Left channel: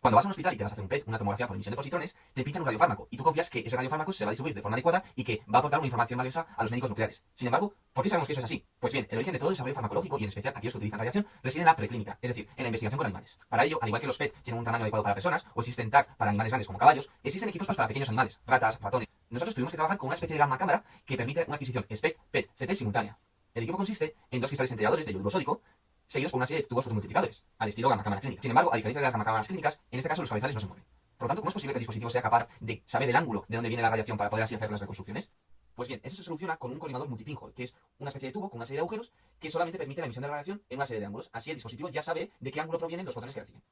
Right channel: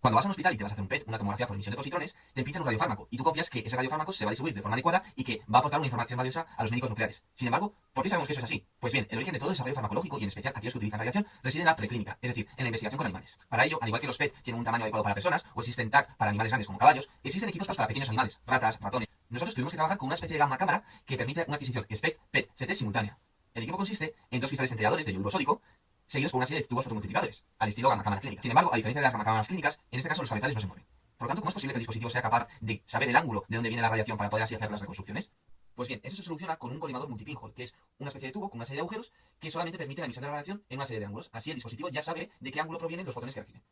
Cuando vas a un hospital y te vas a hacer un PET, una tomografía por emisión de positrones, te pinchan un radiofármaco y tú confías que ese radiofármaco se va a distribuir de forma adecuada y que va a aportar una información valiosa a los médicos nucleares. Sin embargo, ¿por qué sabemos que eso es así? Pues bien, el origen de todo desarrollo farmacológico y en especial aquellos que utilizan radiación reside en la preclínica, es decir, en la investigación con animales. Para ello, al igual que los PET tienen un tamaño adecuado para personas o existen TAC para animales grandes como caballos, existen equipos para pequeños animales, ratas, ratones. Nosotros tuvimos que trabajar con una especie de gamma cámara que permite una adquisición SPECT, PET, CT simultánea. El equipo consiste en dos cristales integradores de yoduro sódico seguidos por una serie de tubos fotomultiplicadores, al estilo gamma cámara clínica. Sin embargo, a diferencia de las gamma cámaras clínicas, en este caso los cabezales no se mueven. Por lo tanto, ¿cómo es posible que el dispositivo sea capaz de saber el ángulo de dónde viene la radiación para poder así hacer las reconstrucciones? Pues bien, eso se soluciona con un colimador multipinhole, que es una especie de tubo con una serie de agujeros que solamente permite la emisión de la radiación en una serie de ángulos. Así el dispositivo ya sabe de qué ángulo provienen los fotones que recibe.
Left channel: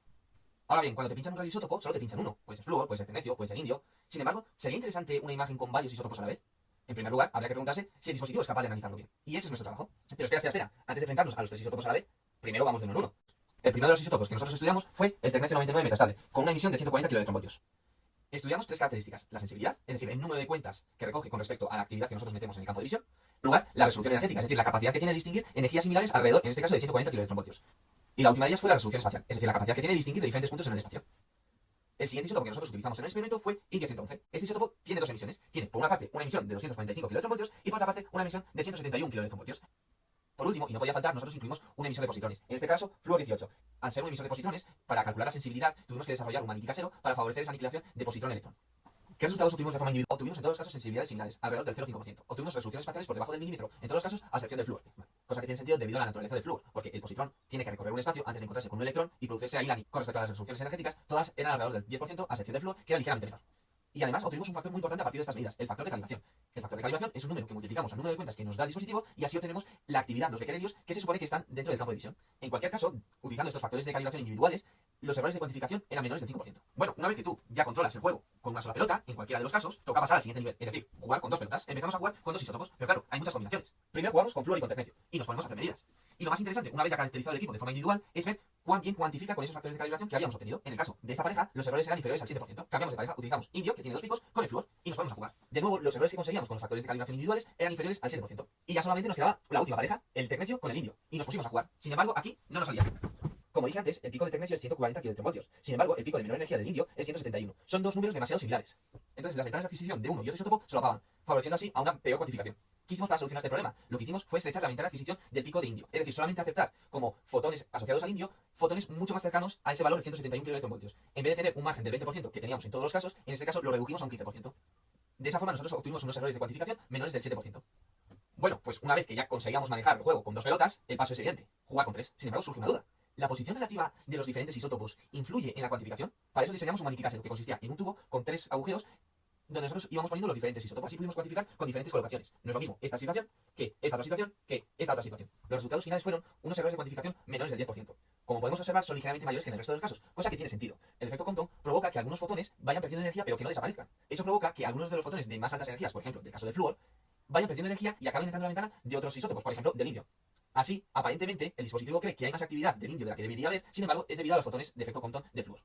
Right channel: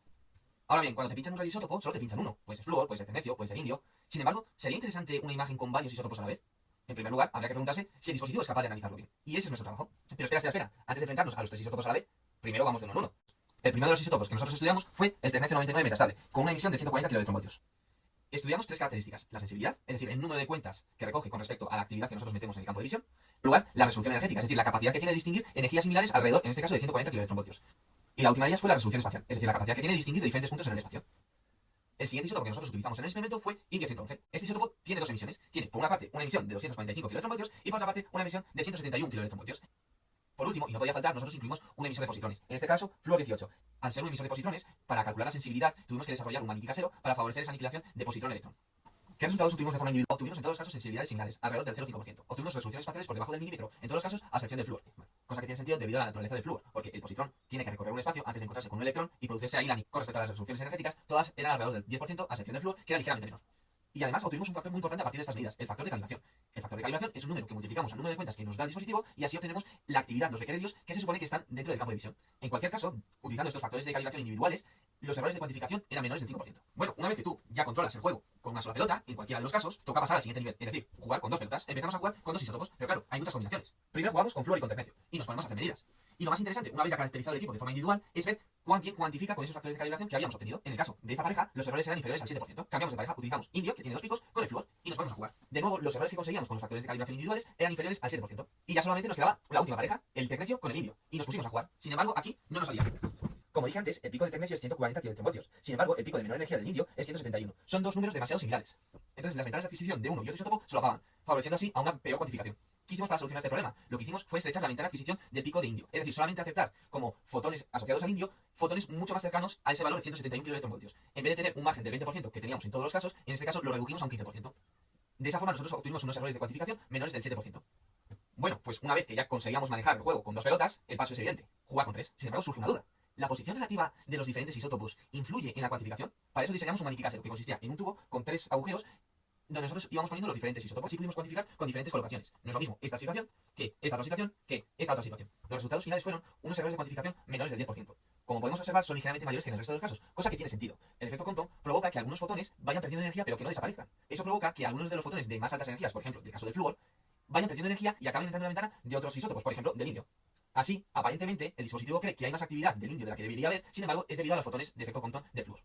Ahora bien, cuando te pinchan un radioisótopo, solo te pinchan uno. Puede ser flúor, puede ser tecnecio, puede ser indio. Sin embargo, ¿sería interesante una imagen con varios isótopos a la vez? En primer lugar, habría que preguntarse si el dispositivo es capaz de analizarlo bien. Y ese es nuestro trabajo. Pero espera. Antes de enfrentarnos a los tres isótopos a la vez, primero vamos de uno en uno. El primero de los isótopos que nosotros estudiamos fue el tecnecio 99 metastable, con una emisión de 140 kV. Estudiamos tres características: la sensibilidad, es decir, el número de cuentas que recoge con respecto a la actividad que nosotros metemos en el campo de visión. En lugar, la resolución energética, es decir, la capacidad que tiene de distinguir energías similares alrededor, en este caso, de 140 kV. Y la última de ellas fue la resolución espacial, es decir, la capacidad que tiene de distinguir de diferentes puntos en el espacio. El siguiente isótopo que nosotros utilizamos en el experimento fue indio 111. Este isótopo tiene dos emisiones. Tiene, por una parte, una emisión de 245 kV y por otra parte, una emisión de 171 kV. Por último, y no podía faltar, nosotros incluimos un emisor de positrones. En este caso, flúor 18. Al ser un emisor de positrones, para calcular la sensibilidad, tuvimos que desarrollar un maniquí casero para favorecer esa aniquilación de positrón-electrón. ¿Qué resultados obtuvimos de forma individual? Obtuvimos en todos los casos sensibilidades similares, alrededor del 0,5%. Obtuvimos resoluciones espaciales por debajo del milímetro, en todos los casos, a excepción del flúor. Cosa que tiene sentido debido a la naturaleza del flúor, porque el positrón tiene que recorrer un espacio antes de encontrarse con un electrón y producirse ahí la. Con respecto a las resoluciones energéticas, todas eran alrededor del 10%, a excepción del flúor, que era ligeramente menor. Y además obtuvimos un factor muy importante a partir de estas medidas, el factor de calibración. El factor de calibración es un número que multiplicamos al número de cuentas que nos da el dispositivo y así obtenemos la actividad, los becquerelios, que se supone que están dentro del campo de visión. En cualquier caso, utilizando estos factores de calibración individuales, los errores de cuantificación eran menores del 5%. Bueno, una vez que tú ya controlas el juego con una sola pelota, en cualquiera de los casos, toca pasar al siguiente nivel, es decir, jugar con dos pelotas. Empezamos a jugar con dos isótopos, pero claro, hay muchas combinaciones. Primero jugamos con flúor y con tecnecio, y nos ponemos a hacer medidas. Y lo más interesante, una vez ya caracterizado el equipo de forma individual, es ver cuán bien cuantifica con esos factores de calibración que habíamos obtenido. En el caso de esta pareja, los errores eran inferiores al 7%. Cambiamos de pareja, utilizamos indio, que tiene dos picos, con el flúor, y nos ponemos a jugar. De nuevo, los errores que conseguíamos con los factores de calibración individuales eran inferiores al 7%. Y ya solamente nos quedaba la última pareja, el tecnecio con el indio, y nos pusimos a jugar. Sin embargo, aquí no nos salía. Como dije antes, el pico de tecnecio es 140 kV. Sin embargo, el pico de menor energía del indio es 171. Son dos números demasiado similares. Entonces, las ventanas de adquisición de uno y otro isótopo solapaban, favoreciendo así a una peor cuantificación. ¿Qué hicimos para solucionar este problema? Lo que hicimos fue estrechar la ventana de adquisición del pico de indio. Es decir, solamente aceptar como fotones asociados al indio, fotones mucho más cercanos a ese valor de 171 kV. En vez de tener un margen del 20% que teníamos en todos los casos, en este caso lo redujimos a un 15%. De esa forma nosotros obtuvimos unos errores de cuantificación menores del 7%. Bueno, pues una vez que ya conseguíamos manejar el juego con dos pelotas, el paso es evidente: jugar con tres. Sin embargo, surge una duda. ¿La posición relativa de los diferentes isótopos influye en la cuantificación? Para eso diseñamos un maniquí casero que consistía en un tubo con tres agujeros donde nosotros íbamos poniendo los diferentes isótopos y pudimos cuantificar con diferentes colocaciones. No es lo mismo esta situación que esta otra situación que esta otra situación. Los resultados finales fueron unos errores de cuantificación menores del 10%. Como podemos observar, son ligeramente mayores que en el resto de los casos, cosa que tiene sentido. El efecto Compton provoca que algunos fotones vayan perdiendo energía pero que no desaparezcan. Eso provoca que algunos de los fotones de más altas energías, por ejemplo, del caso del flúor, vayan perdiendo energía y acaben entrando en la ventana de otros isótopos, por ejemplo, del indio. Así, aparentemente, el dispositivo cree que hay más actividad del indio de la que debería haber, sin embargo, es debido a los fotones de efecto Compton de flúor.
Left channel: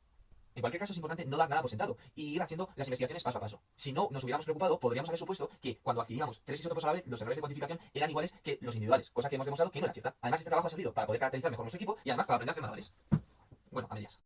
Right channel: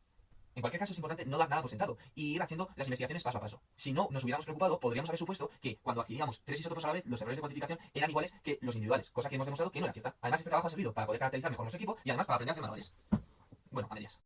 En cualquier caso, es importante no dar nada por sentado y ir haciendo las investigaciones paso a paso. Si no nos hubiéramos preocupado, podríamos haber supuesto que cuando adquiríamos tres isótopos a la vez, los errores de cuantificación eran iguales que los individuales, cosa que hemos demostrado que no era cierta. Además, este trabajo ha servido para poder caracterizar mejor nuestro equipo y además para aprender a hacer manuales. Bueno, a medias.